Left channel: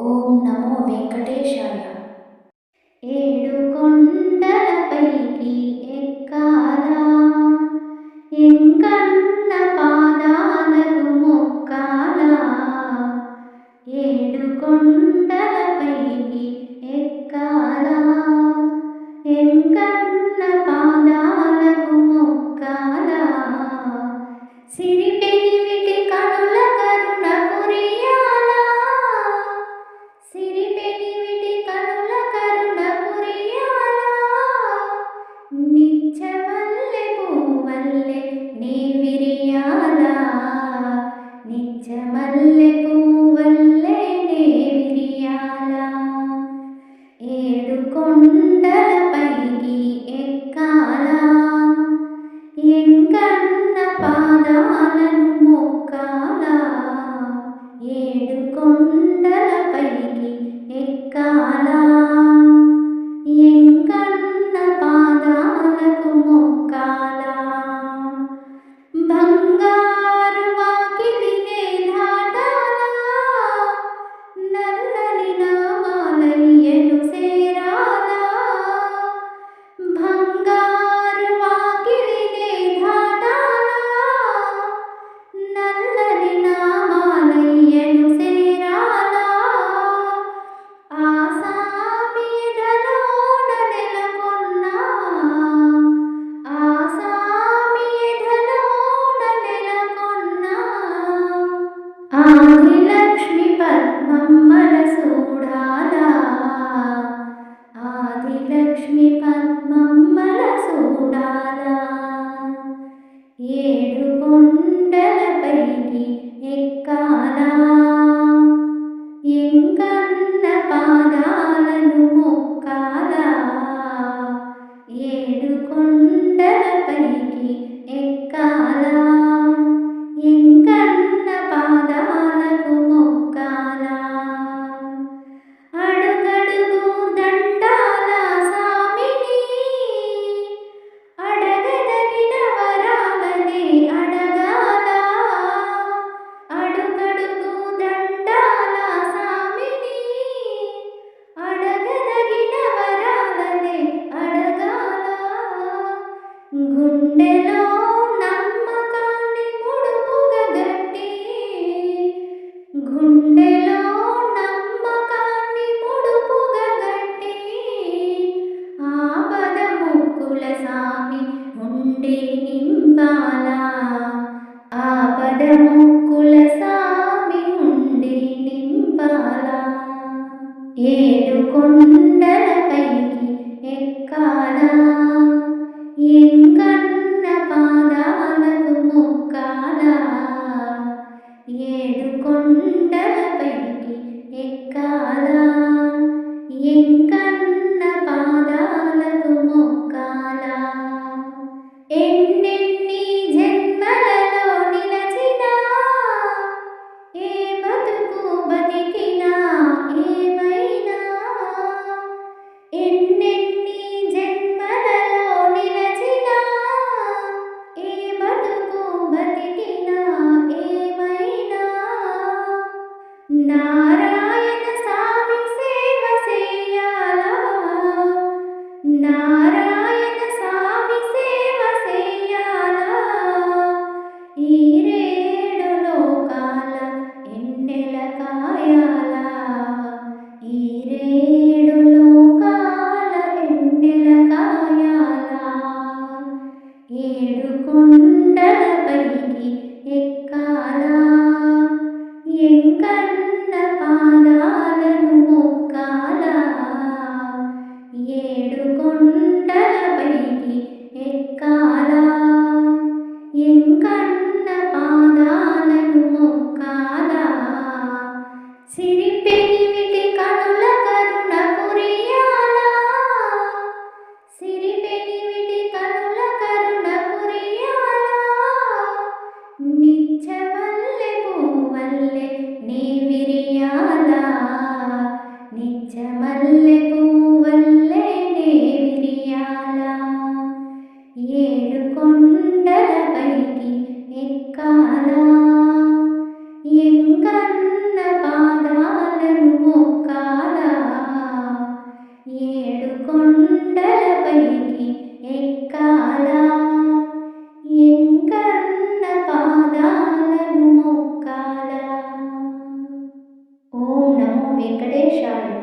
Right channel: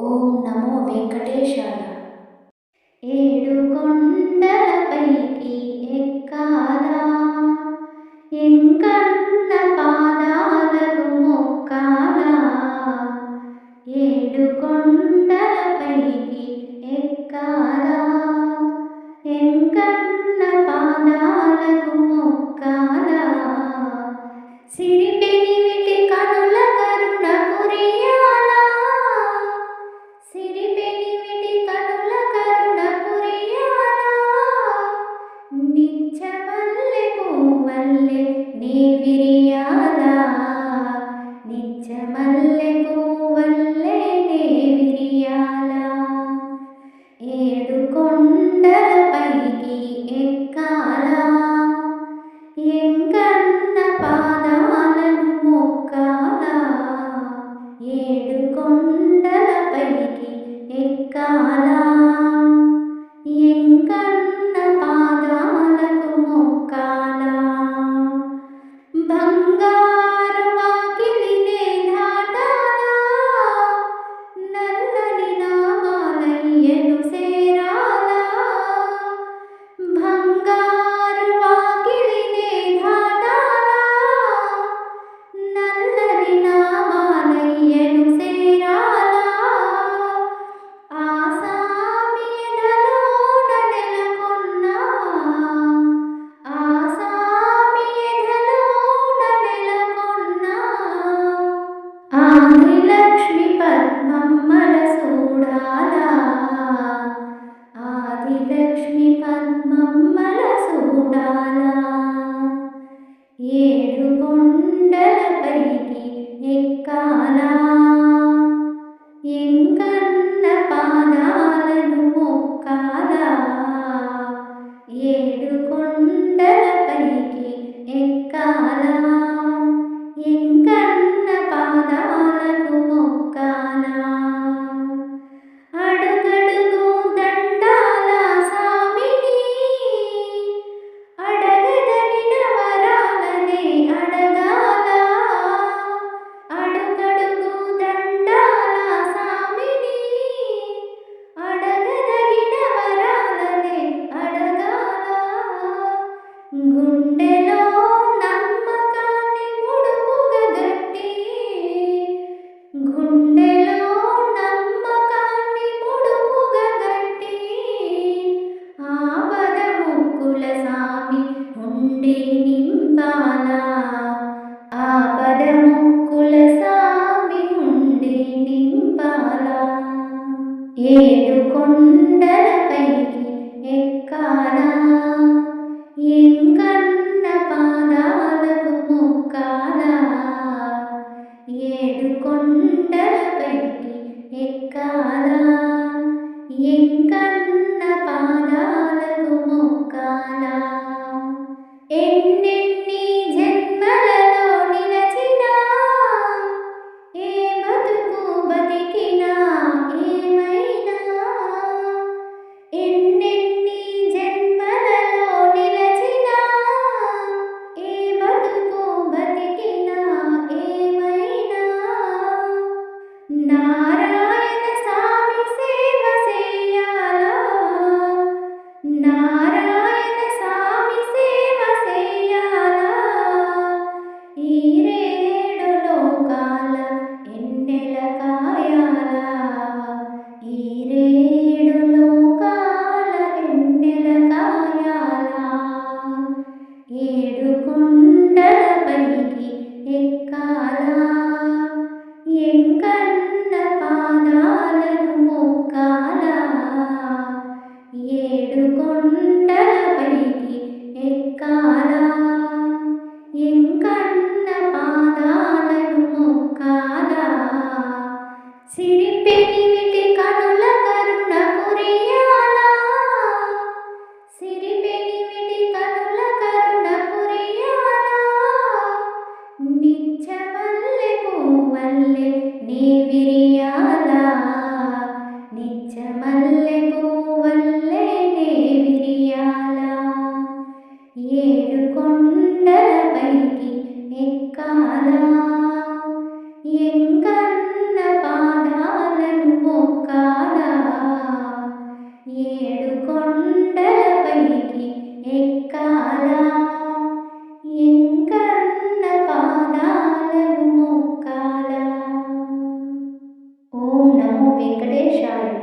ఓం నమో వెంకటేశాయ. ఏడు కొండలపైకి ఎక్కాలా. ఎంకన్న పాదాలకు మొక్క വിരിയാതാ നിച്ചമല്ലെ പൂവല്ലേ നേ ഏടു കൊണ്ടല പൈകി എക്കാല എങ്കണ്ണ പാദാലു മൊക്കാല ഏടു കൊണ്ടല പൈകി എക്കാല లక్ష్మి పద్మమ్మల చూడాల ఏడు కొండలపైకి ఎక్కాల. ఎంకన్న పాదాలను మొక్కాల. ఏడు కొండలపైకి ఎక్కాలా. ఆపద ముక్కుల సామి నింపాలా? ఆపద ముక్కుల సామి ఉండి నింపాలా? ఏడు కొండలపైకి ఎక్కాలా? ఇంకా മുക്കാല എൻ नारा కొండలపైకి ఎక్కాలా ఎంకన్న పాదాలను మొక్కాలా సిరిపెని పాదాలా ఎంకన్న పాదాలను మొక్కాలా. ఏడు కొండలపైకి ఎక్కాలా. ఎంకన్న పాదాలను మొక్కాలా. ఓం నమో వెంకటేశాయ.